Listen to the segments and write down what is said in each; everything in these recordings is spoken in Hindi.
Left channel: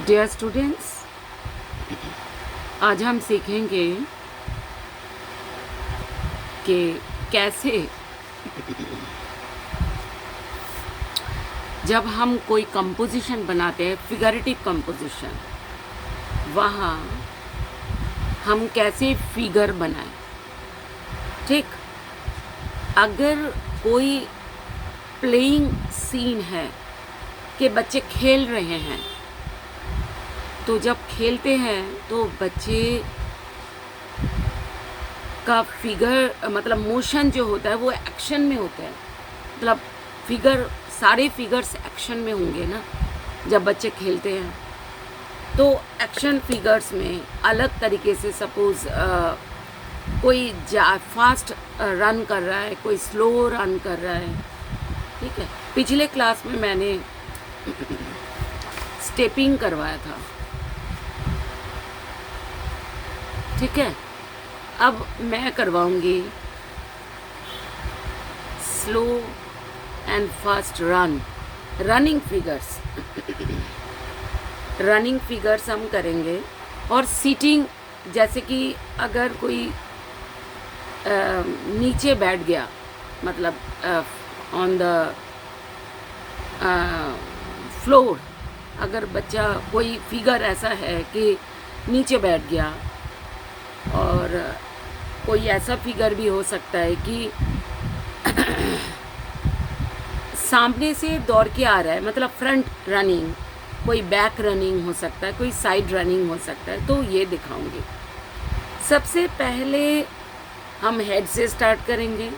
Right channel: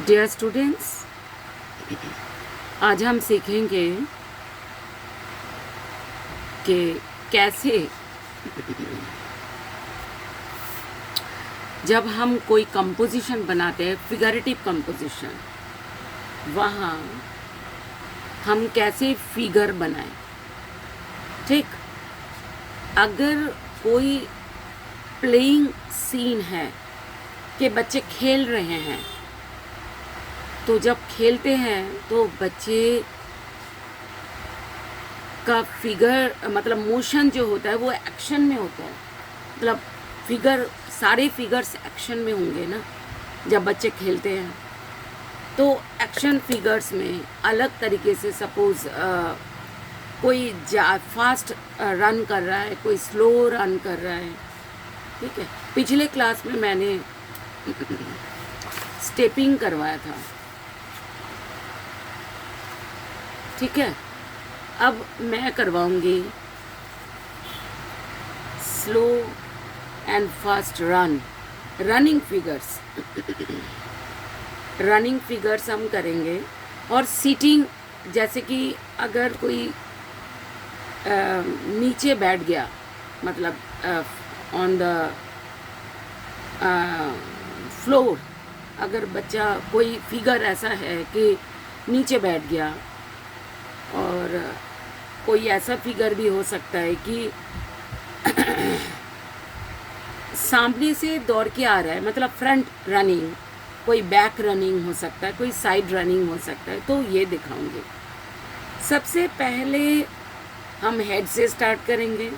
डियर स्टूडेंट्स, आज हम सीखेंगे कि कैसे जब हम कोई कंपोजिशन बनाते हैं, फिगरेटिव कंपोजिशन, वहाँ हम कैसे फिगर बनाएं। ठीक, अगर कोई प्लेइंग सीन है कि बच्चे खेल रहे हैं, तो जब खेलते हैं तो बच्चे का फिगर मतलब मोशन जो होता है वो एक्शन में होता है। मतलब फिगर, सारे फिगर्स एक्शन में होंगे ना जब बच्चे खेलते हैं। तो एक्शन फिगर्स में अलग तरीके से, सपोज कोई फास्ट रन कर रहा है, कोई स्लो रन कर रहा है। ठीक है, पिछले क्लास में मैंने स्टेपिंग करवाया था। ठीक है, अब मैं करवाऊंगी slow and fast running figures. Running figures हम करेंगे। और सीटिंग, जैसे कि अगर कोई नीचे बैठ गया, मतलब ऑन द फ्लोर, अगर बच्चा, कोई फिगर ऐसा है कि नीचे बैठ गया, और कोई ऐसा फिगर भी हो सकता है कि सामने से दौड़ के आ रहा है, मतलब फ्रंट रनिंग, कोई बैक रनिंग हो सकता है, कोई साइड रनिंग हो सकता है। तो ये दिखाऊंगी। सबसे पहले हम हेड से स्टार्ट करेंगे।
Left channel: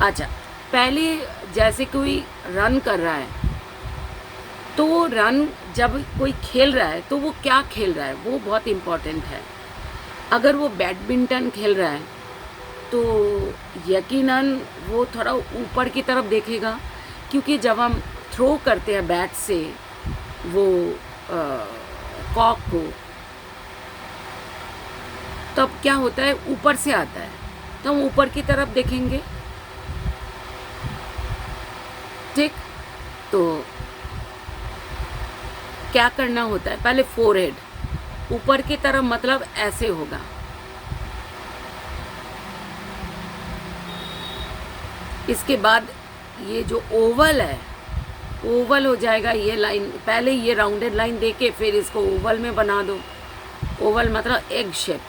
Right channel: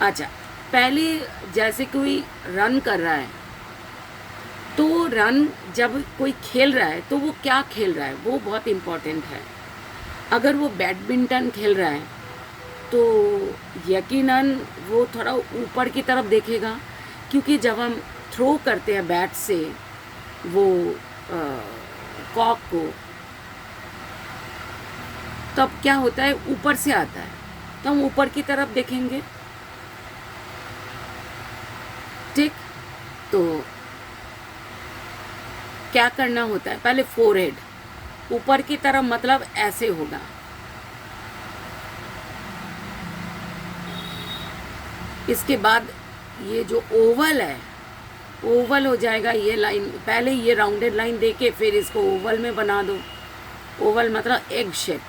अच्छा, पहले जैसे कोई रन कर रहा है, तो रन जब कोई खेल रहा है तो वो क्या खेल रहा है वो बहुत इम्पोर्टेंट है। अगर वो बैडमिंटन खेल रहा है तो यकीनन वो थोड़ा ऊपर की तरफ देखेगा, क्योंकि जब हम थ्रो करते हैं बैट से वो कॉक को, तब क्या होता है, ऊपर से आता है, तो हम ऊपर की तरफ देखेंगे। ठीक, तो क्या करना होता है, पहले फोरहेड ऊपर की तरफ, मतलब ऐसे होगा। इसके बाद ये जो ओवल है, ओवल हो जाएगा। ये लाइन, पहले ये राउंडेड लाइन देके फिर इसको ओवल में बना दो। ओवल मतलब एग शेप।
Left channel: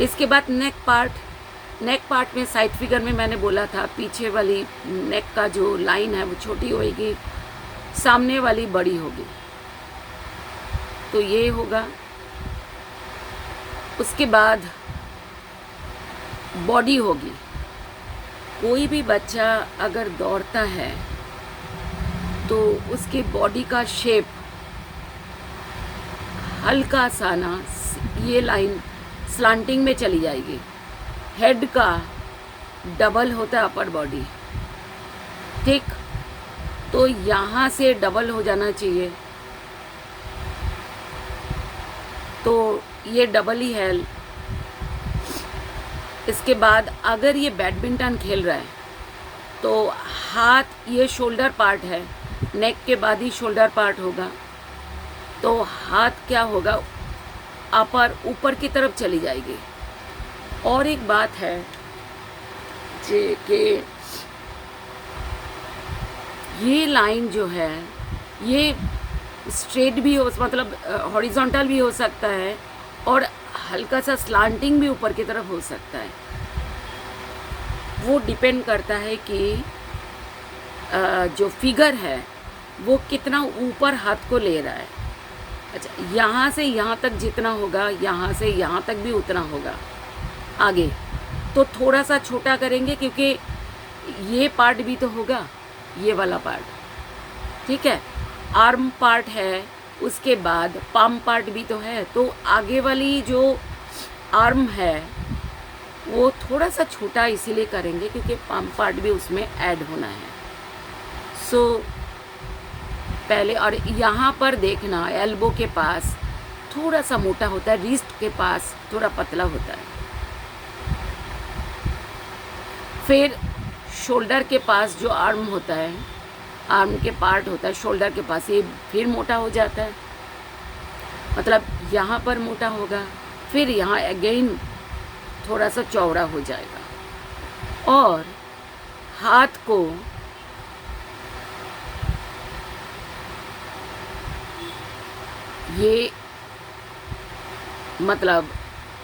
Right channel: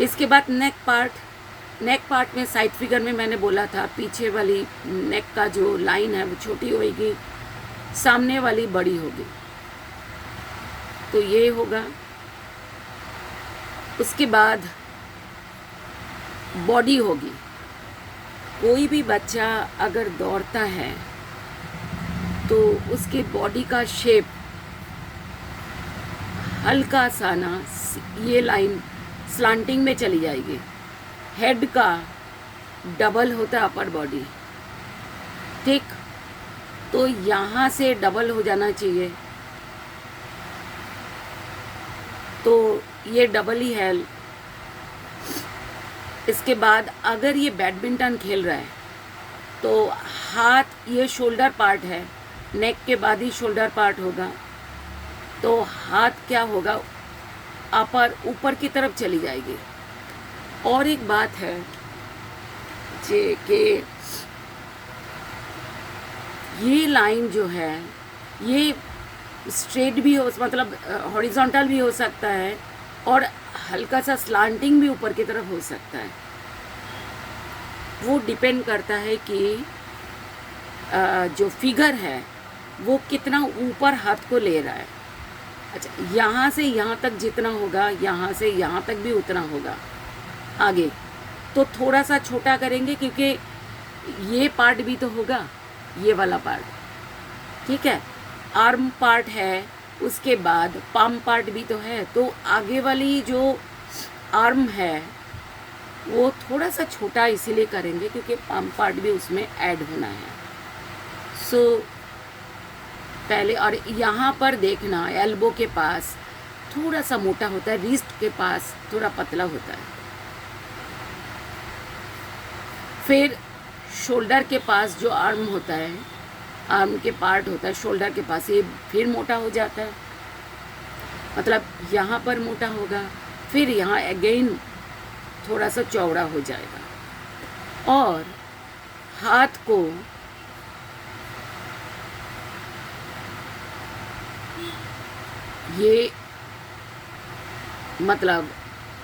इसके बाद नेक पार्ट में साइड फिगर में मैंने बोला था, पीछे वाली नेक का जो लाइन है वो छोटी होगी, सामने वाली बड़ी होगी। तो ये होगा। उसके बाद बॉडी होगी। कोई भी बच्चा अगर दौड़ता है तो उसके बॉडी का शेप हल्का सा ना, ये लाइन स्लांटिंग में चली जाएगी। हेड का डबल होता है अपर बॉडी। ठीक, तो यहाँ से डबल हो जाना चाहिए, तो ये डबल ही है। इसके बाद अगर ये बैडमिंटन खेल रहा है तो हाथ, ये शोल्डर पार्ट है, नेक के बाद ही शोल्डर पार्ट होगा, तो हाथ क्या होगा, अपर ऊपर की तरफ चली जाएगी। और एक बात है कि ये लाइन जो है ये स्ट्रेट भी हो, मतलब हॉरिजॉन्टल भी हो सकता है, और हल्का सा स्लांटिंग भी ऊपर की तरफ हो सकता है। वो डिपेंड करता है कि जो फिगर है वो कितना ऊपर हाथ को ले रहा है। अच्छा, यहाँ से यहाँ तक जितना होगा, यहाँ से यहाँ तक भी उतना होगा। आगे तो थोड़ा सा छोटा करेंगे, क्योंकि ये पार्ट भी तो होगा, ये वाला पार्ट। ठीक है, आर्म पार्ट है, उसके बाद पाम पार्ट भी तो है, तो आगे वाली जो आर्म है वो थोड़ा सा छोटा इसीलिए करेंगे क्योंकि पाम पार्ट भी उसमें ऐड होना है। सो पहले, और यहाँ पर देखना, एल्बो के पास थोड़ा सा मोटा होता है, रिस्ट के पास थोड़ा पतला होता है। फिर शोल्डर के पास जो आर्म होता है आर्म के पार्ट होता है शोल्डर के पास, ये फिर मोटा हो जाता है, मतलब यहाँ पर मोटा होगा, फिर यहाँ अगेन थोड़ा सा चौड़ा हो जाएगा। और हाथ को ये मतलब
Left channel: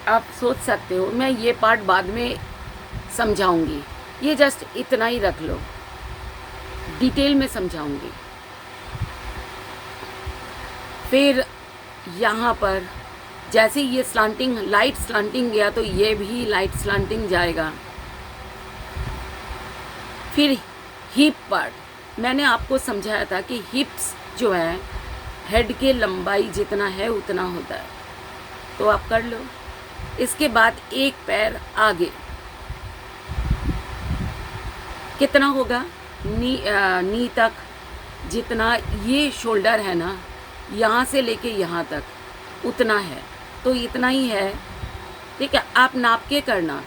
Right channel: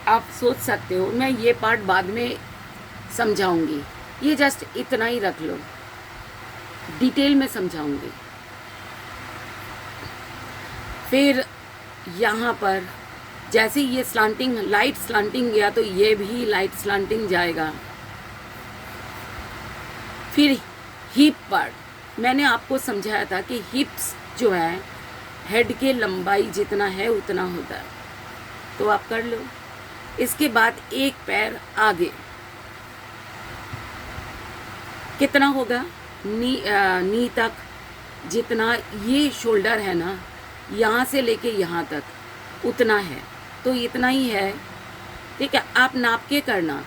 आप सोच सकते हो, मैं ये पार्ट बाद में समझाऊंगी, ये जस्ट इतना ही रख लो, डिटेल में समझाऊंगी। फिर यहाँ पर जैसे ये स्लांटिंग, लाइट स्लांटिंग गया तो ये भी लाइट स्लांटिंग जाएगा। फिर हिप पार्ट मैंने आपको समझाया था कि हिप्स जो है हेड के लंबाई जितना है उतना होता है, तो आप कर लो। इसके बाद एक पैर आगे कितना होगा, नी तक, जितना ये शोल्डर है ना यहाँ से लेके यहाँ तक उतना है, तो इतना ही है, ठीक है। आप नाप के करना,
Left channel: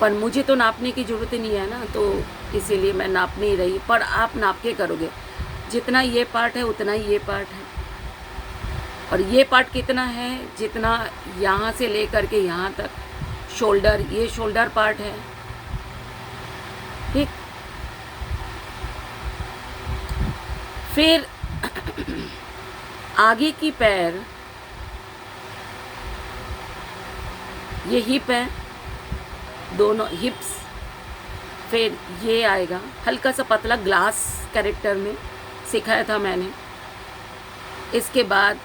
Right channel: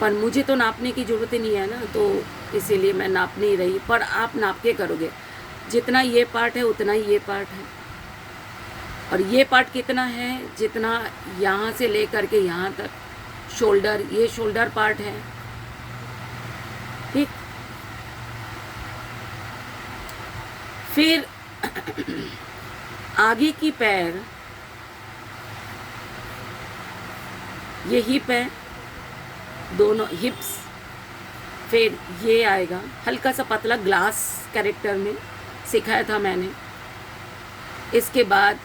पर मुझे तो नापने की ज़रूरत ही नहीं है ना, तो इसीलिए मैं नाप नहीं रही, पर आप नाप के करोगे। जितना ये पार्ट है उतना ही ये पार्ट है, और ये पार्ट कितना है, जितना यहाँ से लेकर के यहाँ तक शोल्डर, ये शोल्डर पार्ट है, ठीक। फिर आगे की पैर, ये हिप है, दोनों हिप्स, फिर ये आएगा हल्का सा पतला, ग्लास कैरेक्टर में सिखाया था मैंने। इसके बाद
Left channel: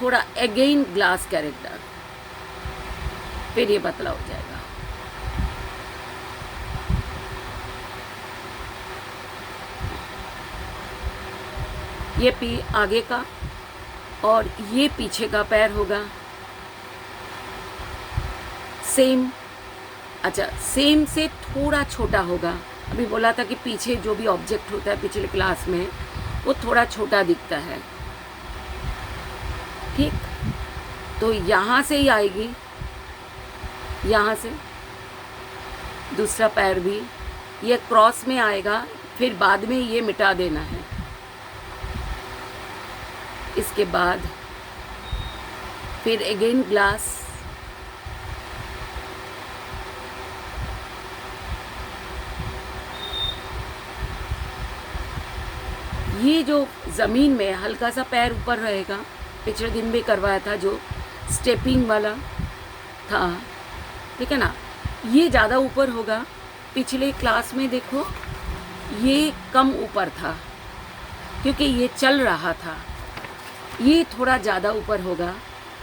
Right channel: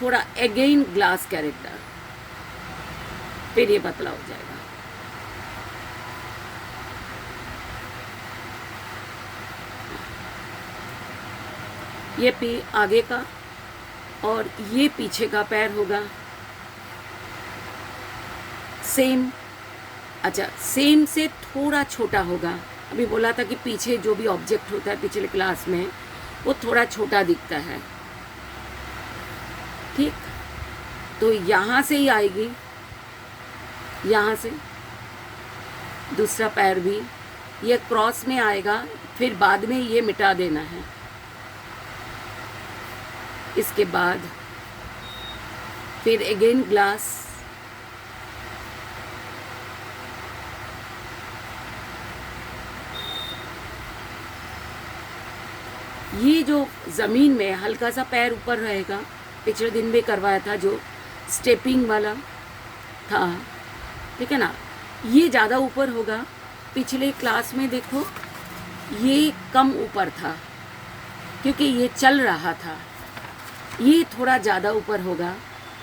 थोड़ा अगेन ग्लास कैरेक्टर, फिर ये पतला हो जाएगा। ये पी आगे का और ये पीछे का पैर होगा, सेम। अच्छा, सेम से थोड़ा छोटा होगा। अभी बोला था कि पीछे जो भी ऑब्जेक्ट होता है पिछले क्लास में वो थोड़ा छोटा दिखता है, ठीक। तो यहाँ से ही आएगी, यहाँ से दूसरा पैर भी ये क्रॉस में आएगा, फिर बाद में ये मिटा देना है। इसके बाद फिर अगेन ग्लास, ये जो ज़मीन में हल्का सा पैर ऊपर रहेगा, पिछले दिन भी करवाया था जो स्टेपिंग वाला था, ठीक है ना, ये ज़्यादा ऊपर होगा। पिछले क्लास में देखो ये कम ऊपर था क्योंकि ये चल रहा था, ये थोड़ा ज़्यादा ऊपर होगा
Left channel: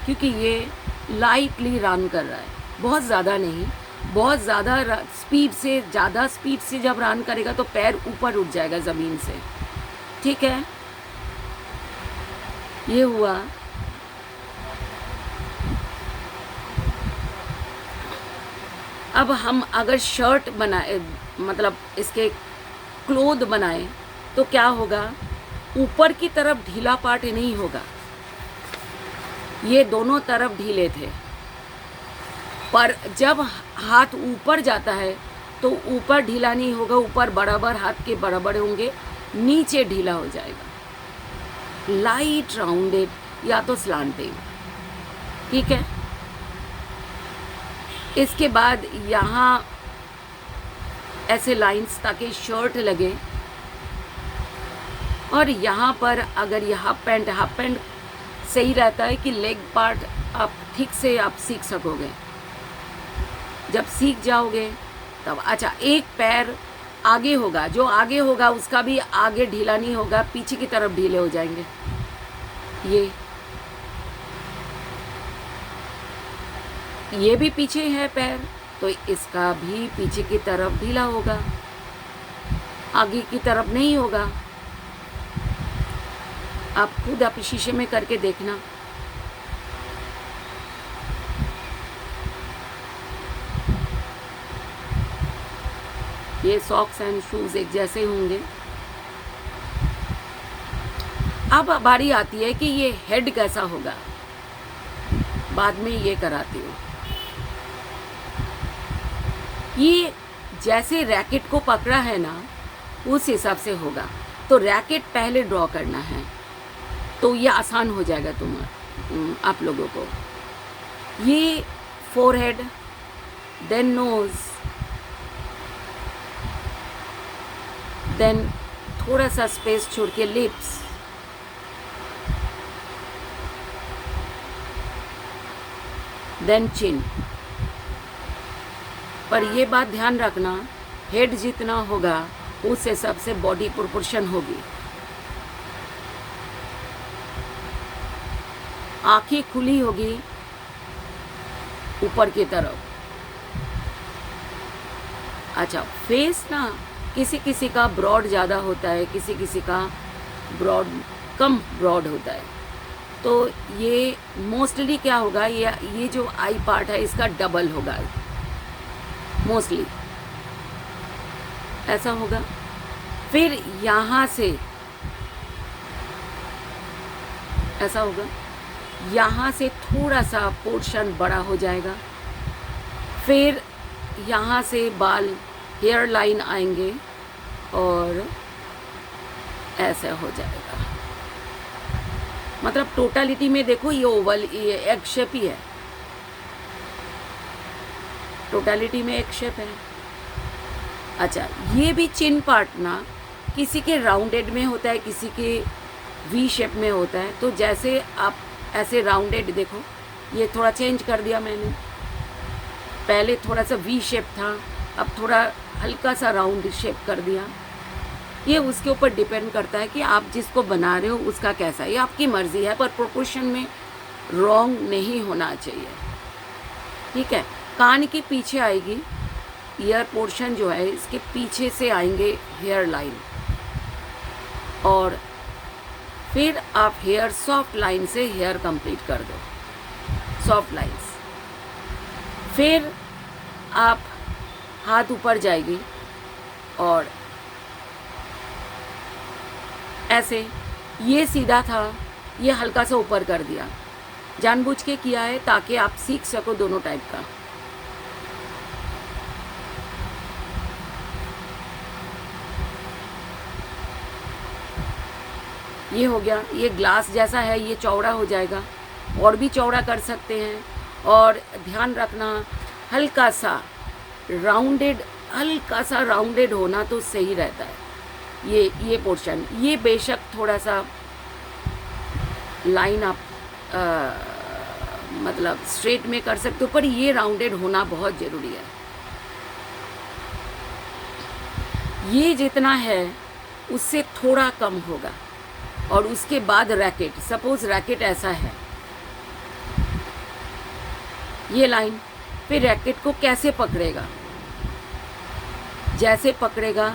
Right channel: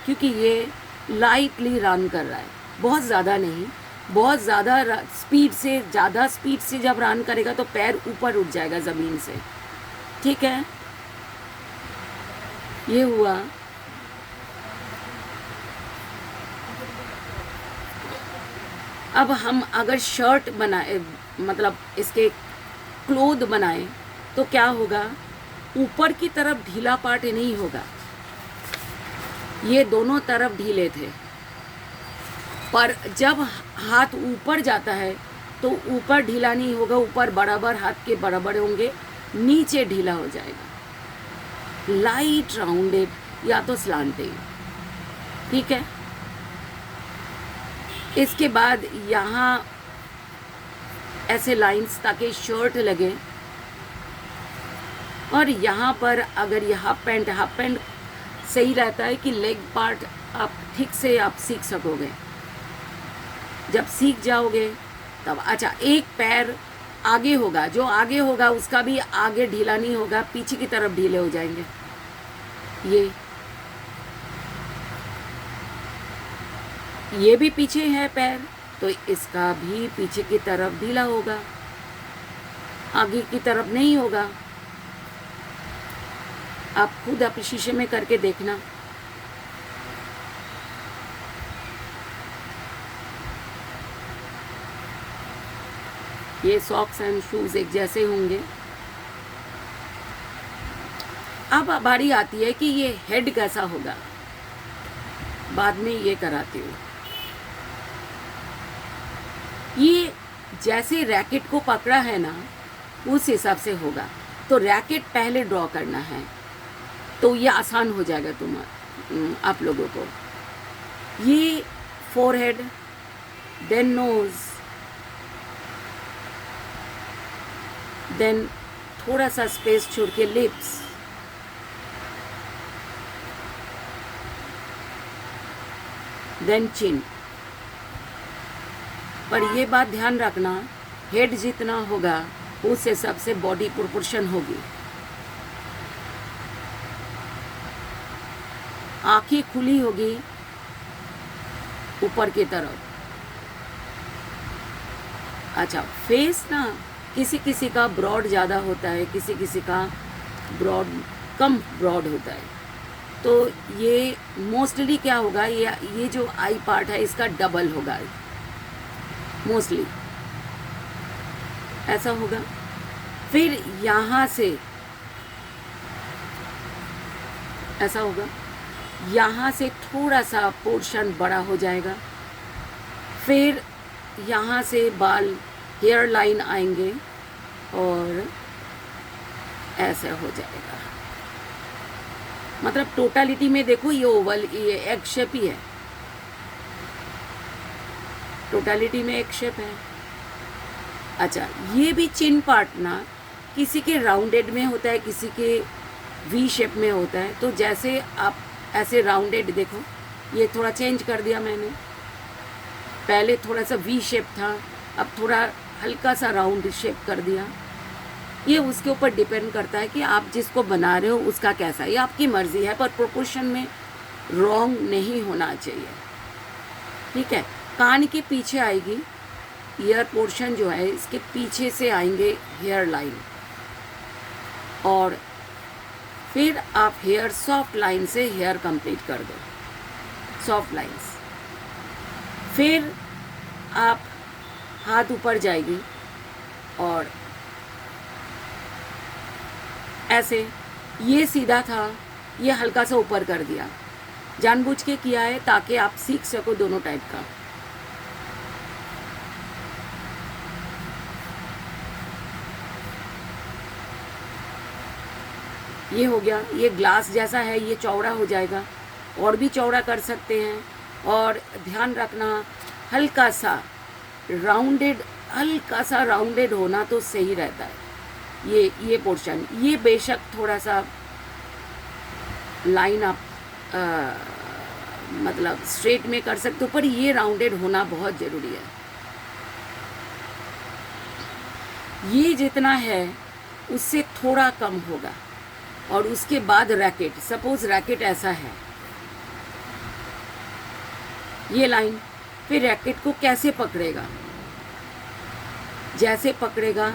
क्योंकि ये लाइटली रन कर रहा है, बहुत ज़्यादा नहीं। बहुत ज़्यादा स्पीड से, ज़्यादा स्पीड से जब रन करेगा तो पैर ऊपर उठ जाएगा ज़मीन से, ठीक है। ये हुआ। अब हम अगर शर्ट बनाए, मतलब इसके क्लोथ बनाए, तो क्या होगा, ऊपर की तरफ ढीला पार्ट नहीं होगा, ये दोनों तरफ ढीले थे, पर जब हाथ ऊपर जाता है तो ऊपर ढीला नहीं होगा, ऊपर बराबर हाथ के बराबर होंगे, नीचे ढीला हो जाएगा, लाइट राउंडेड या तो स्लांटिंग, ठीक है। इसके बाद यहाँ ऐसे लाइंस ताकि शर्ट लगे, और यहाँ पर अगर ये हाफ पैंट सही रहता है कि लेग पार्ट आप ठीक से आप सीख सकोगे। जब सीख जाओगे तब, अच्छा, एक पैर आगे होगा, जो आगे होगा उसका भी आगे ढीला नहीं होगा, पीछे की तरफ ढीले हो जाएंगे। ये भी पीछे है पैर, तो इसका भी पीछे की तरफ ढीला होगा, आगे की तरफ नहीं होगा। आप खुद आप शीशे में करके देखना। ये सॉक्स एंड शूज एक जैसे होंगे। अब बारी आती है कि ये हेड कैसा होगा, बाद में ये कराती हूँ। ये जैसे रैकेट को पकड़ा है ना, उस हिसाब से होगा। तो रैकेट पहले ड्रॉ करना है, तो ये आसान हो जाएगा आप लोगों को। ये फोरहेड, देन नोज, देन थोड़ा सा स्पेस छोड़ के लिप्स, देन चिन। पर ये बात ध्यान रखना, हेड जितना होगा उस हिसाब से बॉडी प्रोपोर्शन होगी। आंखें खुली होगी ऊपर की तरफ। अच्छा, फेस ना किसी किसी का ब्रॉड ज़्यादा होता है, किसी किसी का ब्रॉड कम ब्रॉड होता है। तो ये मोस्टली क्या होगा, ये जो आई पार्ट है इसका डबल होगा मोस्टली, ऐसा होगा। फिर यहाँ से ऐसा होगा, यहाँ से थोड़ा सा पोर्शन बड़ा हो जाएगा। फिर यहाँ से बाल हेयर लाइन आएंगे और ऐसा हो जाएगा। मतलब टोटलिटी में देखो, ये ओवल, ये एग शेप ही है, टोटलिटी में एग शेप है। अच्छा, ये भी चिन पार्ट ना किसी के राउंडेड में होता है, किसी के वी शेप में होता है। तो जैसे आप ऐसे राउंडेड देखो, ये थोड़ा चेंज कर दिया मैंने, पहले थोड़ा सा वी शेप था, अब थोड़ा हल्का सा राउंड शेप कर दिया। ये उसके ऊपर डिपेंड करता है कि आप जिसको बना रहे हो उसका कैसा, ये आपकी मर्जी है, पर प्रोपोर्शन में रॉन्ग नहीं होना चाहिए। ठीक है, कान के पीछे आएगी ईयर पोर्शन जो है, इसके पीछे से आएंगे हेयर लाइन, और फिर आप हेयर सॉफ्ट लाइन से हेयर कंप्लीट कर दो, सॉफ्ट लाइंस। फिर आप हाथ ऊपर जाएगी और ऐसे, ये सीधा था, ये हल्का सा ऊपर कर दिया, जानबूझ के किया है ताकि आप सीख सको दोनों टाइप का। ये हो गया, ये ग्लास जैसा है, ये चौड़ा हो जाएगा, और भी चौड़ा कर सकते हैं। और ध्यान रखना, हल्का सा राउंडेड होना तो सही रहता है। ये पोर्शन, ये बेशक थोड़ा सा लाइन आप मतलब स्ट्रेट में कर सकते हो, पर ये राउंडेड होना बहुत ज़रूरी है। ये जितना है उससे थोड़ा कम होगा। और उसके बाद रैकेट, सपोज रैकेट ऐसा है, ये लाइन, फिर रैकेट को कैसे पकड़ेगा, जैसे पकड़ेगा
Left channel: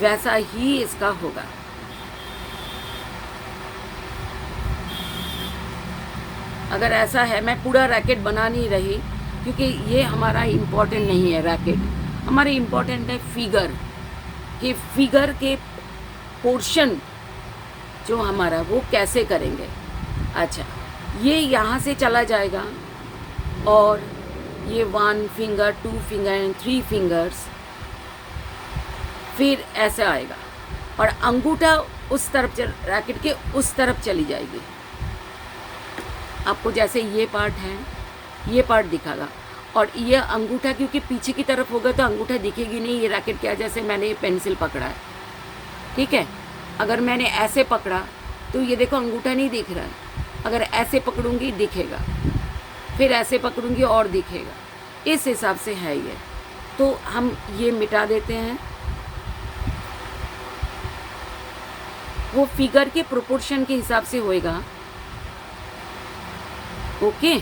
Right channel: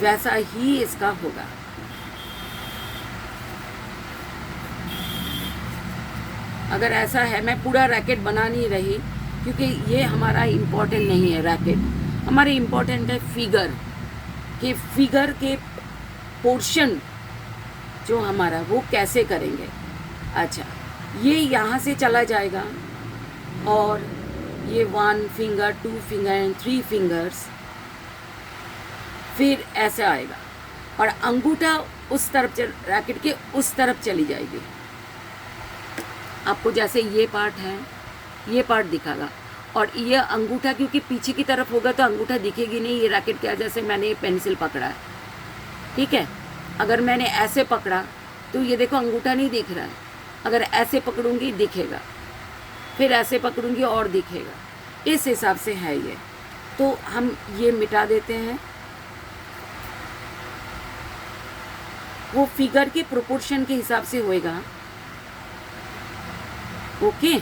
वैसा ही इसका होगा। अगर ऐसा है, मैं पूरा रैकेट बना नहीं रही क्योंकि ये हमारा इम्पोर्टेंट नहीं है रैकेट, हमारे इम्पोर्टेंट है फिगर के पोर्शन जो हमारा वो कैसे करेंगे। अच्छा, ये यहाँ से चला जाएगा और ये 1 फिंगर, 2 फिंगर एंड 3 फिंगर्स, फिर ऐसे आएगा और अंगूठा उस तरफ रैकेट के उस तरफ चली जाएगी। आपको जैसे ये पार्ट है, ये पार्ट दिखागा, और ये अंगूठा क्योंकि पीछे की तरफ होगा तो अंगूठा दिखेगी नहीं। ये रैकेट क्या, जैसे मैंने ये पेंसिल पकड़ा है, ठीक है, अगर मैंने ऐसे पकड़ा तो ये देखो अंगूठा नहीं दिख रहा है, अगर ऐसे पकड़ूंगी दिखेगा, फिर ऐसे पकड़ूंगी और दिखेगा, इस हिसाब से है ये। तो हम ये मिटा देते हैं, वो फिगर के प्रोपोर्शन के हिसाब से होएगा। ओके,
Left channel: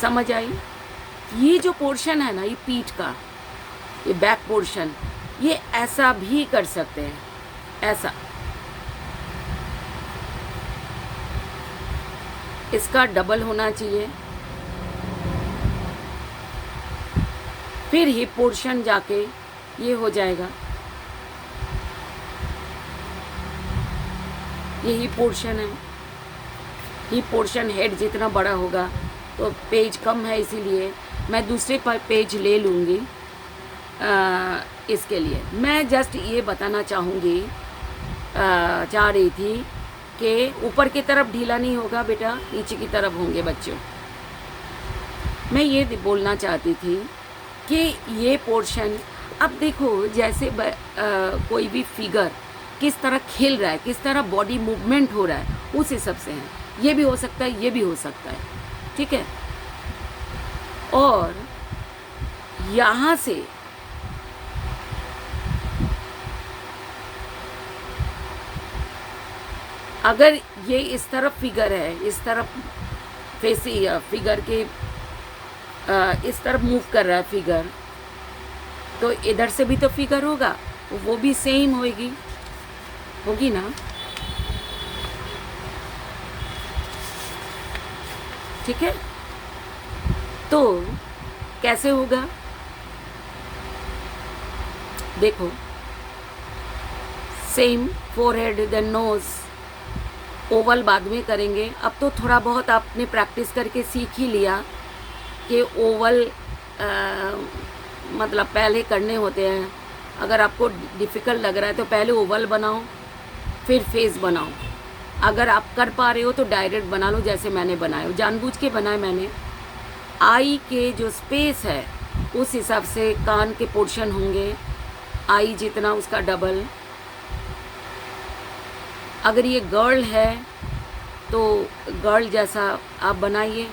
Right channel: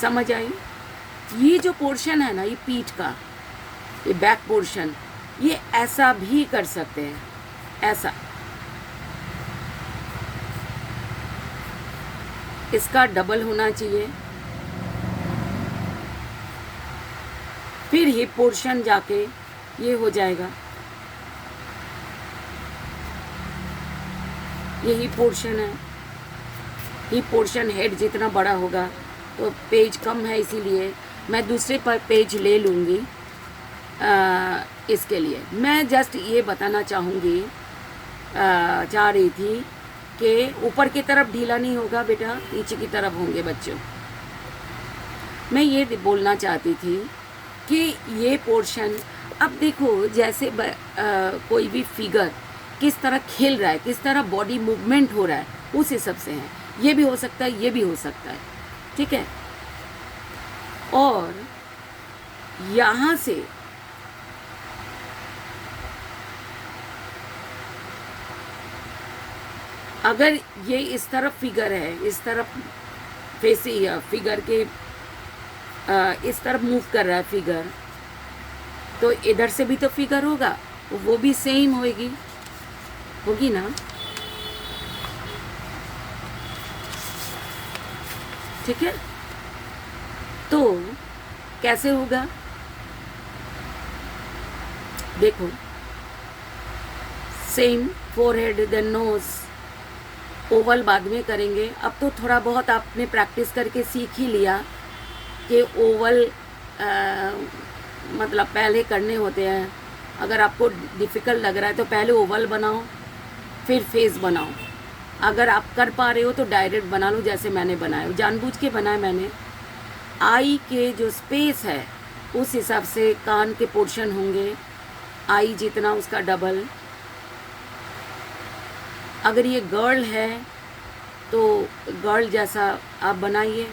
समझ आई? ये जो पोर्शन है ना, ये पीठ का, ये बैक पोर्शन, ये ऐसा भी कर सकते हैं, ऐसा, इसका डबल होना चाहिए। फिर हिप पोर्शन जाके ये हो जाएगा, ये हिप पोर्शन है। हिप पोर्शन हेड जितना बड़ा होगा तो पेज कम है, इसीलिए मैं दूसरे पेज ले लूँगी। इसके लिए मैं जस्ट ये बताना चाह रही थी कि ऊपर की तरफ ढीला नहीं होगा बेटा, नीचे की तरफ होंगे बच्चों। मैं ये बोलना चाहती थी कि ये पोर्शन, अब देखो जैसे कोई भी फिगर किस तरह खेल रहा है, किस तरह बॉडी मूवमेंट हो रहा है, उस हिसाब से है। ये भी हो सकता है, ये भी हो सकता है, ठीक है। और यहाँ से अगर ये इस तरफ फिगर है, इस तरफ फेसी फिगर के इस तरफ मूव कर रहा है फिगर, तो इधर से भी तो फिगर होगा, वो भी सेम होगी ना, ठीक है। तो कैसे होगा देखो, same forehead then nose, oval बाद में करेंगे। अब तो थोड़ा बहुत आपने प्रैक्टिस करके सीख ही लिया कि ओवल मतलब पहले करने होते हैं। अगर आपको डिफ़िकल्ट लग रहा है तो पहले ओवल बनाओ, फिर फेस बनाओ। अगर आप कर पा रहे हो तो डायरेक्ट बना लो, जैसे मैंने बनाया, जानबूझ के बनाया मैंने। आई के जो स्पेस है उस हिसाब से कान के पोर्शन होंगे, आई जितना उसका डबल। अगर ये गर्ल है तो गर्ल जैसा आप बनाइए।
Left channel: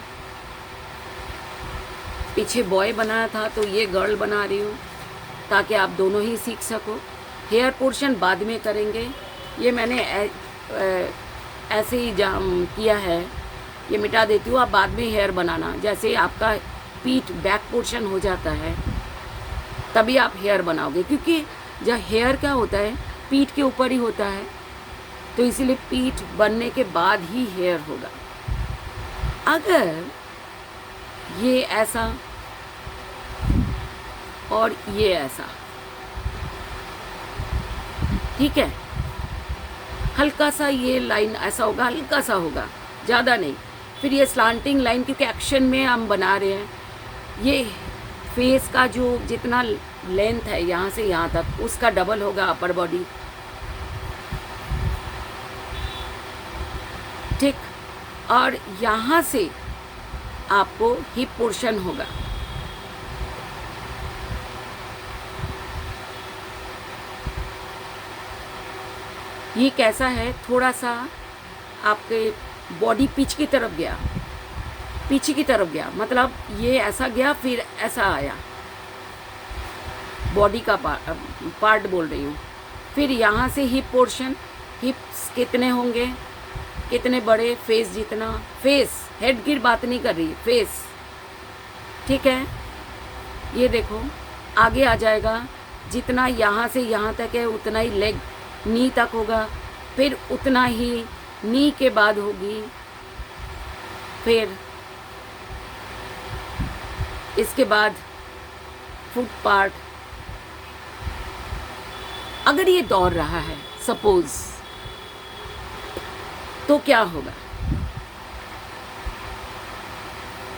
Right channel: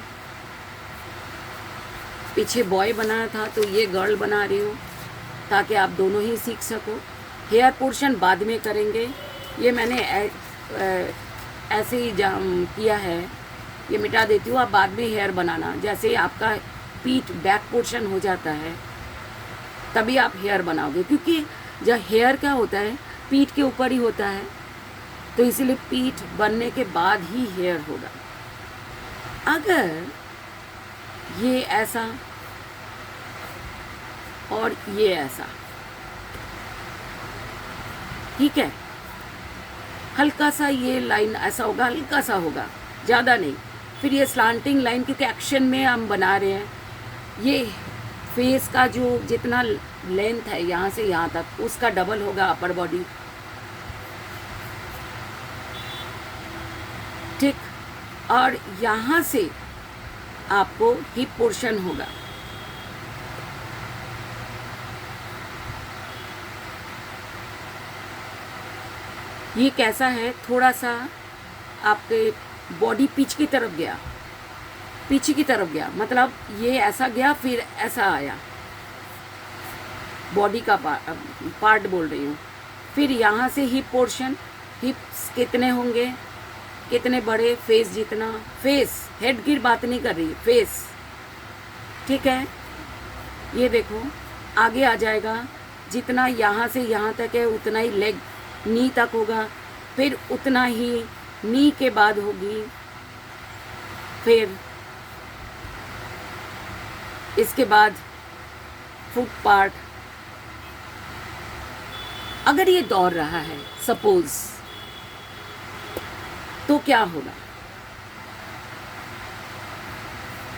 पीछे बॉय बनाया था तो ये गर्ल बना रही हूँ, ताकि आप दोनों ही सीख सको। हेयर पोर्शन बाद में करेंगे, ये मैंने ऐसे ही किया है, ये मिटा देती हूँ। आप बाद में हेयर बनाना, जैसे आपका पीठ बैक पोर्शन हो जाता है तभी आप हेयर बनाओगे, क्योंकि जब हेयर क्या होता है पीठ के ऊपर ही होता है, तो इसीलिए पीठ बनने के बाद ही हेयर होगा। अगर ये ऐसा और ये ऐसा, ठीक है, हल्का सा ये लाइन ऐसा होगा, हल्का सा होगा, ज़्यादा नहीं। फिर ये स्लांटिंग लाइन, क्योंकि एक्शन में हम बना रहे हैं, ये फेस का जो जितना लेंथ है यहाँ से यहाँ तक उसका डबल होगा अपर बॉडी, ठीक। और यहाँ से आपको हिप पोर्शन होगा, ये कैसा है, थोड़ा सा आपके बॉडी पीछे की तरफ गया, पीछे की तरफ गया, मतलब ये ऐसा गया फिर ऐसा आया, बॉडी का पार्ट बोल रही हूँ। फिर यहाँ से हिप पोर्शन, हिप्स कितने होंगे, कितने बड़े, फेस जितना, फेस हेड की बात नहीं कर रही, फेस, ठीक है। ये देखो आगे आ जाएगा, जितना यहाँ से यहाँ तक है उतना ही लेग नी तक होगा, फिर उतना ही नी के बाद होगी, फिर इसके बाद फुट पार्ट। अगर ये दौड़ रहा है सपोज, तो क्या होगा,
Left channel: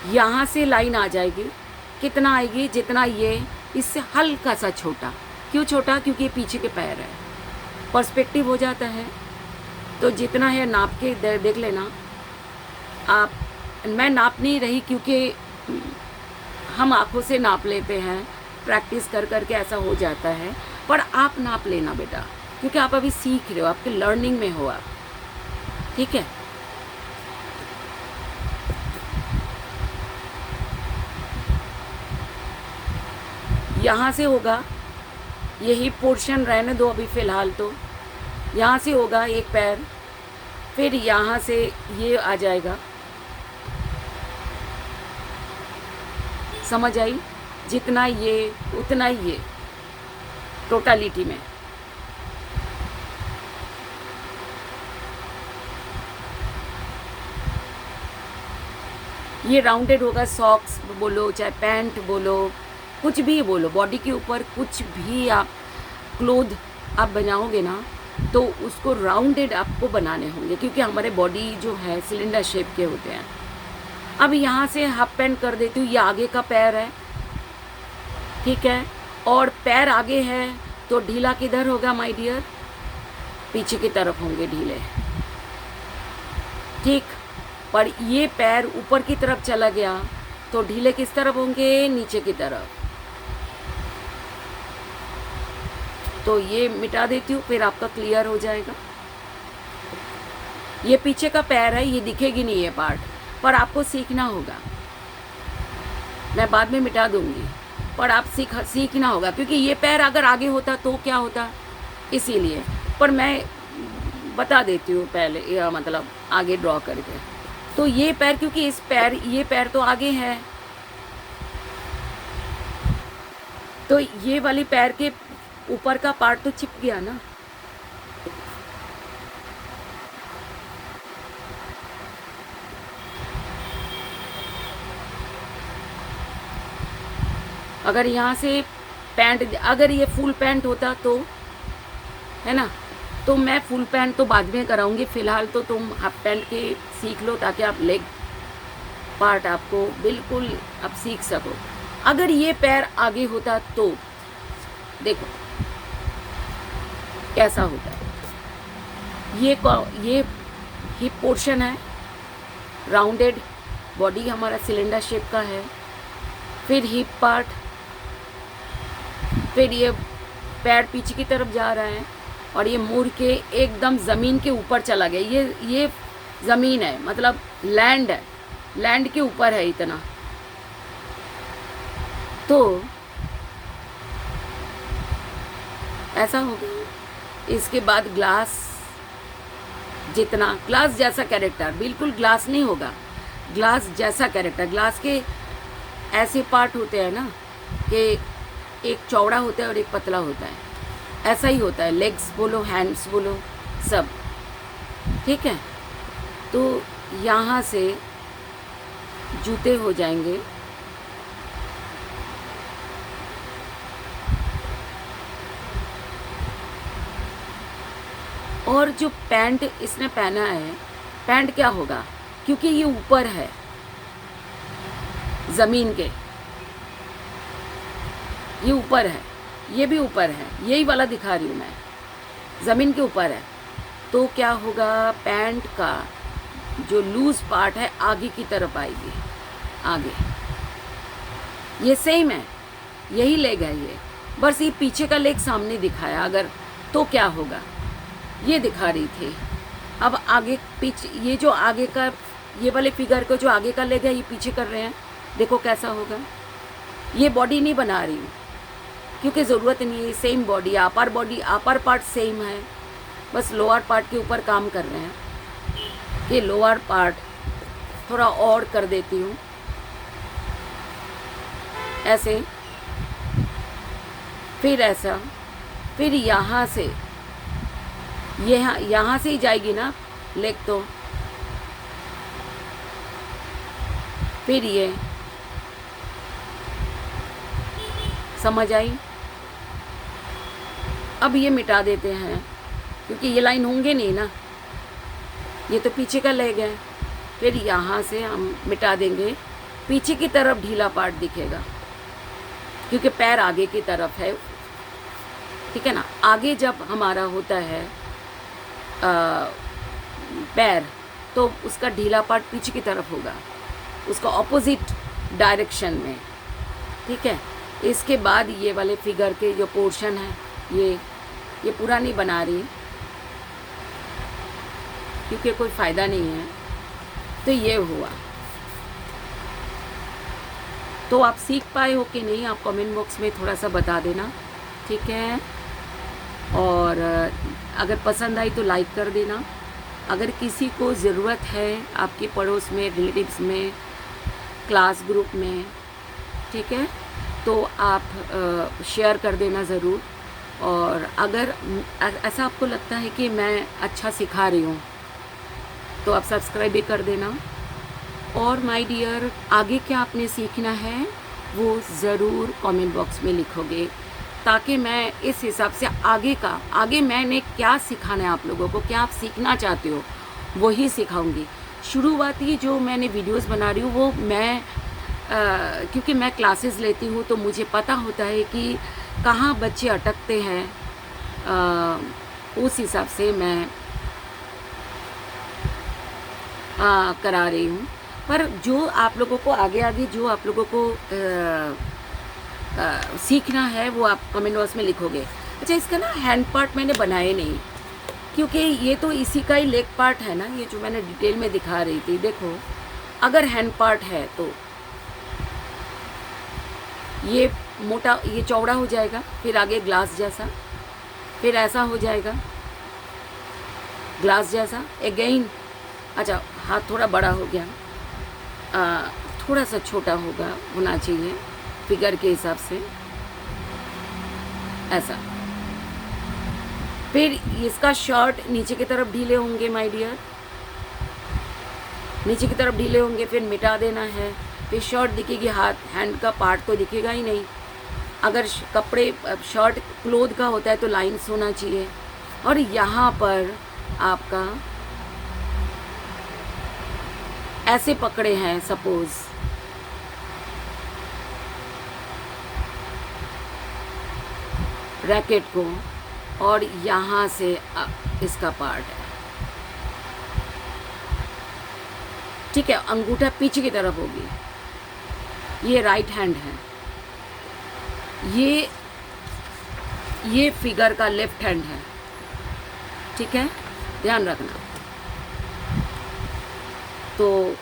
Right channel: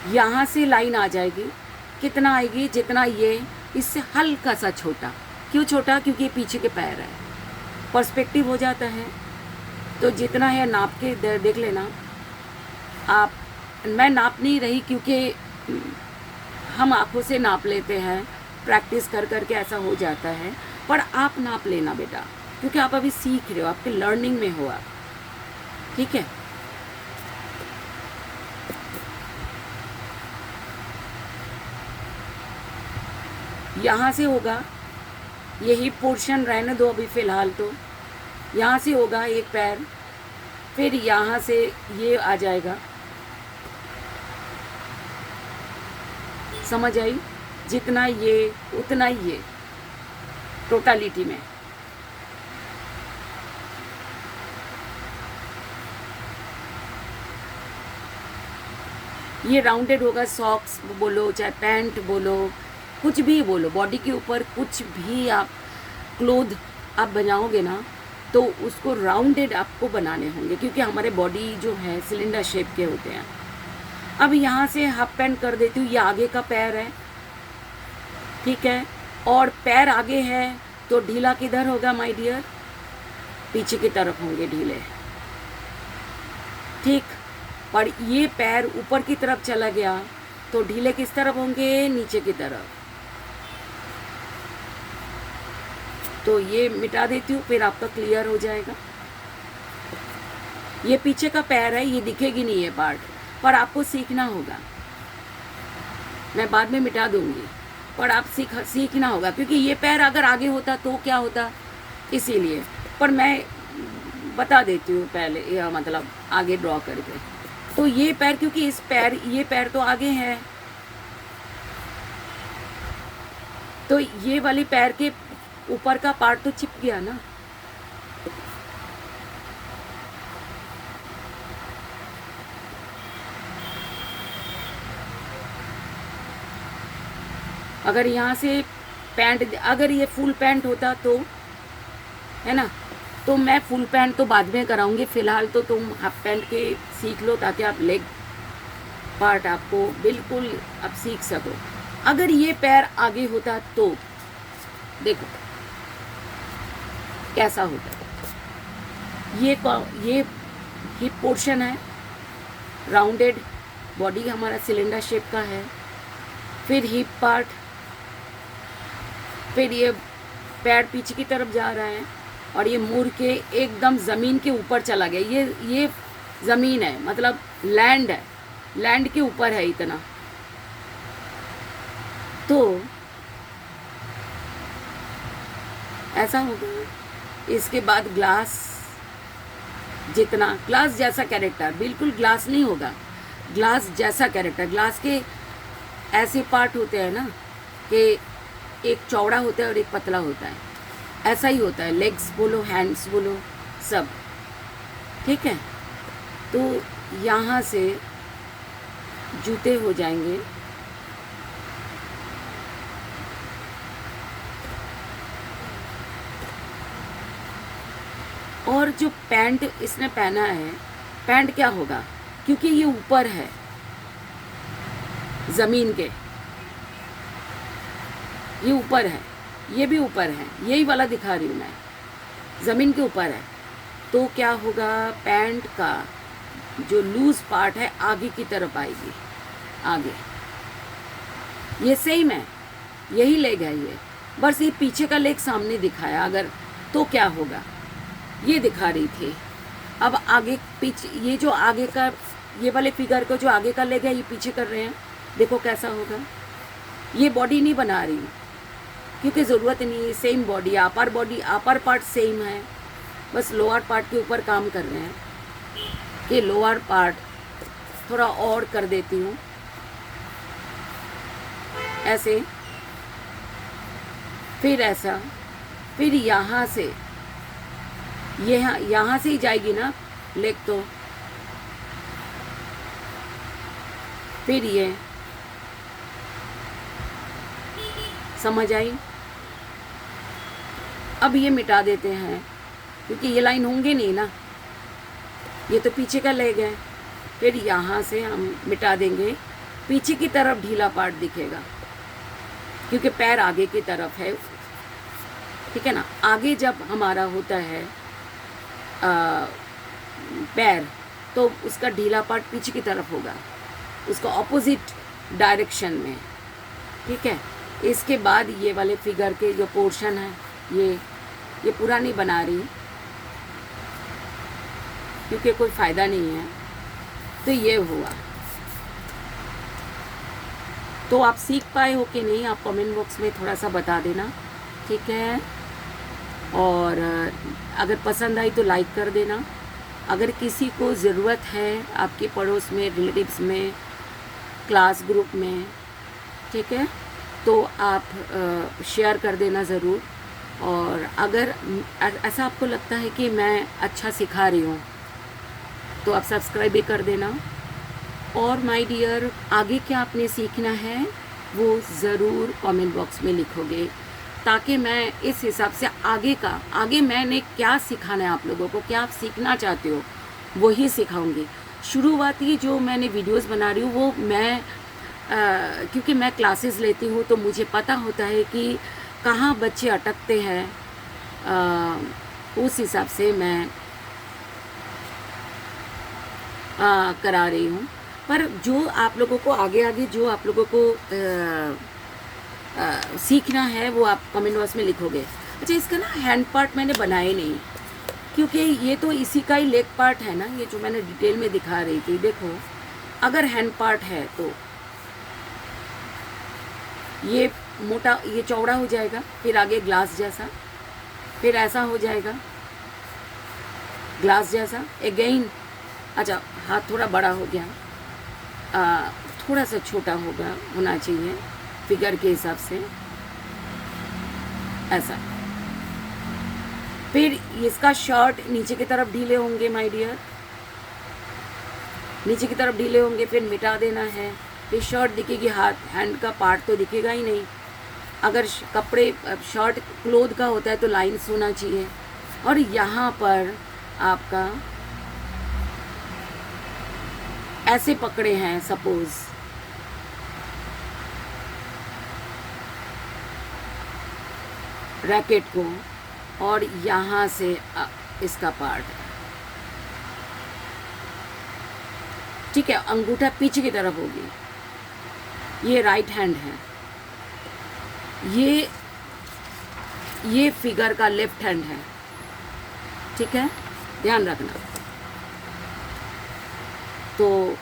यहाँ से लाइन आ जाएगी, कितना आएगी, जितना ये, इससे हल्का सा छोटा। क्यों छोटा, क्योंकि ये पीछे के पैर है, पर्सपेक्टिव हो जाता है। तो जितना है नाप के देख लेना आप। मैं नाप नहीं रही क्योंकि हम आँखों से नाप लेते हैं, प्रैक्टिस कर कर के ऐसा हो जाता है, पर आप नाप लेना बेटा, क्योंकि आप अभी सीख रहे हो, आपके लर्निंग में हो आप, ठीक है। यहाँ से होगा, यही पोर्शन रहने दो अभी फ़िलहाल, तो यहाँ से होगा एक पैर, फिर यहाँ से ये आ जाएगा, समझ आई, जितना ये उतना ही ये टोटलिटी में। ये राउंडेड होगा, सॉक्स बोलो चाहे पैंट बोलो, कुछ भी बोलो, बॉडी के ऊपर कुछ भी आप क्लोथ आप बनाओगे ना, तो उसको राउंडेड आपको बनाने होंगे, क्योंकि हमारे बॉडी जो है सिलेंडर शेप के होते हैं। अब यहाँ से हाफ पैंट कर देती हूँ, ये आगे का पैर है, ठीक है, और पैर आगे है तो ढीला किधर होगा माय डियर, पीछे की तरफ होंगे ढीले, ठीक। पर ये पैर ऊपर की तरफ चला गया तो ढीले किस तरफ होंगे, नीचे की तरफ। तो ये मिटा देती हूँ, फिर आपका क्लियर हो जाएगा। ये पीछे का पैर है, ये दिखेगी नहीं ये पार्ट, पर आपको सीखना होगा। मैं बाद में मिटा दूंगी, पर आप सीखना होगा, क्योंकि ये पैर अगर आगे होता तो क्या होता, इसीलिए। पर मैं बता देती हूँ पहले, यह मतलब आगे ड्रॉ करके। तो ये पैर, क्योंकि ये पैर तो आगे है, तो ये वाली पैर के ऊपर का पार्ट तो चिप गया ना। अगर यहाँ से पैंट, अगर ये फुल पैंट होता तो, है ना, तो मैं फुल पैंट तो बाद में कराऊंगी, फिलहाल तो तुम हाफ पैंट के सीख लो, ताकि आप लेग पार्ट आपको बिल्कुल आप सीख सको। अगर ये पैर आगे होता तो देखो कैसा होता है। ये हिप पोर्शन है, राउंडेड बॉडी हमारा सिलेंडर शेप का है, फिर हिप पार्ट, फिर ये पैर पीछे की तरफ जा रहा है और ये मुड़ के एकदम ज़मीन के ऊपर चला गया। ये ज़मीन है, मतलब लैंड है, लैंड के ऊपर है इतना। तो ऐसा हो गया। इसके बाद ग्लास, जितना ग्लास जैसा कैरेक्टर, बिल्कुल ग्लास नहीं होगा, ग्लास जैसा कैरेक्टर। ग्लास के ऐसे पार्ट होते हैं ना कि एक चौड़ा होता है और एक पतला होता है, ऐसा ही होता है। लेग्स बोलो, हैंड्स बोलो, सब ठीक है। तो यहाँ से जूते हो जाएंगे, और जो पैंट इसने पहना है, पैंट क्या होगा, क्योंकि ये ऊपर है ज़मीन के, ये ऊपर है, ये भी ऊपर है, यही वाला दिखा रही हूँ मैं, ज़मीन के ऊपर है। तो क्या होगा, पैंट का जो लूज पार्ट है आगे की तरफ आएगी, आगे। ये सेम है, यही लेग है ये, बस ये पीछे का लेग सामने दिखाया। अगर तो क्या होगा, ये दिखा रही थी। अब आगे पीछे, ये जो आगे का, ये वाले फिगर को जो आगे का लेग है ये पीछे कर रहे हैं, देखो कैसा होगा। ये बॉडी नहीं बना रही क्योंकि ज़रूरत नहीं है, same body, upper part same है, बस लोअर पार्ट के ऊपर काम कर रहे हैं। ये लोअर पार्ट थोड़ा और कर देती हूँ ऐसे, फिर ऐसा, फिर यहाँ से, यहाँ से ही जाएगी ना लेग, तो फिर ये समझ आई। अब ये मिटा देते हैं क्योंकि ये लाइन होंगे नहीं ना, ये तो पीछे का लेग है। फिर यहाँ से हम मिटा देंगे, पीछे की तरफ ढीला पार्ट दिखेगा क्योंकि पैर आगे की तरफ है, ठीक है ना। आगे जब हमारा होता है पैर, तो उसका ढीला पार्ट पीछे की तरफ होगा, उसका ऑपोजिट डायरेक्शन में, ठीक है। इसके बाद ये वाले फिगर के जो पोर्शन है, ये पूरा नहीं बना रही क्योंकि कोई फ़ायदा नहीं है। तो ये हुआ। तो आप सीख पाए हो कि नहीं, आप कमेंट बॉक्स में थोड़ा सा बता देना, ठीक है। और अगर पसंद आई तो लाइक कर देना। अगर किसी को ज़रूरत है आपके पड़ोस में, रिलेटिव्स में, क्लास ग्रुप में, ठीक है, तो आप शेयर कर देना ज़रूर। और अगर ऐसा आपको लगता है कि मैं अच्छा सिखा रही हूँ तो आप सब्सक्राइब भी कर देना। और माय डियर, आगे क्या आपने सीखना है वो ज़रूर कमेंट बॉक्स में लिखोगे, ताकि मैं इस हिसाब से आगे मैंने क्या सिखाना है आप लोगों को, क्या आप सीखना चाहते हो वही सिखाऊंगी। शुरुआती जो मैंने वीडियोस बना रही हूँ वो मैं क्योंकि मैं क्लासेस लेती हूँ तो मुझे पता होता है कि कहाँ बच्चे अटकते हैं, उस हिसाब से मैं करा रही हूँ। पर जो आप लोगों को आगे आगे जो आप लोगों को सीखना है वो आप कमेंट बॉक्स में लिखोगे। अच्छा, इसका ना हैंड पार्ट मैंने बनाए नहीं, क्योंकि ये तो इसी का ही लेग पार्ट है ना, ये जो मैंने डिटेल में दिखा रही थी। देखो, अगर हैंड पार्ट है तो ये मोटा, ये चौड़ा हो जाएगा, फिर आगे ग्लास जैसा, फिर ऐसा हो जाएगा ग्लास जैसा अगेन। अच्छा, हाथ थोड़ा बड़ा हो गया, थोड़ा सा छोटा होना चाहिए फिगर के हिसाब से, ऐसा। फिर इसका शर्ट नीचे की तरफ ढीले होंगे माय डियर, नीचे की तरफ ढीले होंगे, फिर मिटा देना है। फिर शर्ट दिखेगी, हाथ हैंड का पार्ट तो दिखेगा ही नहीं। अगर कपड़े शर्ट क्लोथ का होता है तो लाइंस होना चाहिए। और यहाँ पर आपका ऐसे पकड़े हैं सपोज, रैकेट को, और यहाँ से इसका पार्ट है, ठीक है। अंगूठा पीछे की तरफ होगी, ये राइट हैंड है, ये फिगर का लेफ्ट हैंड है, ठीक है, ध्यान रखना। तो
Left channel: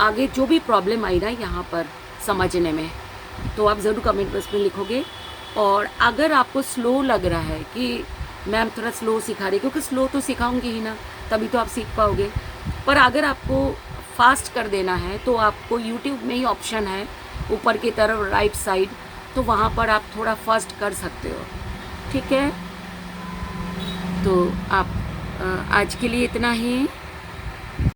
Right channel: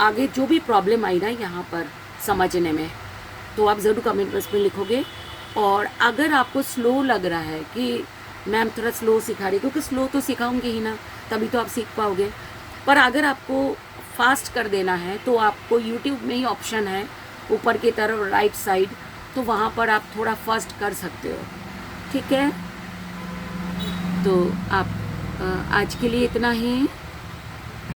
आगे जो भी प्रॉब्लम आई ना यहाँ पर समझने में, तो आप ज़रूर कमेंट बॉक्स में लिखोगे। और अगर आपको स्लो लग रहा है कि मैम थोड़ा स्लो सिखा रही, क्योंकि स्लो तो सिखाऊंगी ही ना, तभी तो आप सीख पाओगे। पर अगर आपको फास्ट कर देना है तो आपको यूट्यूब में ही ऑप्शन है ऊपर की तरफ राइट साइड, तो वहाँ पर आप थोड़ा फास्ट कर सकते हो, ठीक है। तो आप आज के लिए इतना ही।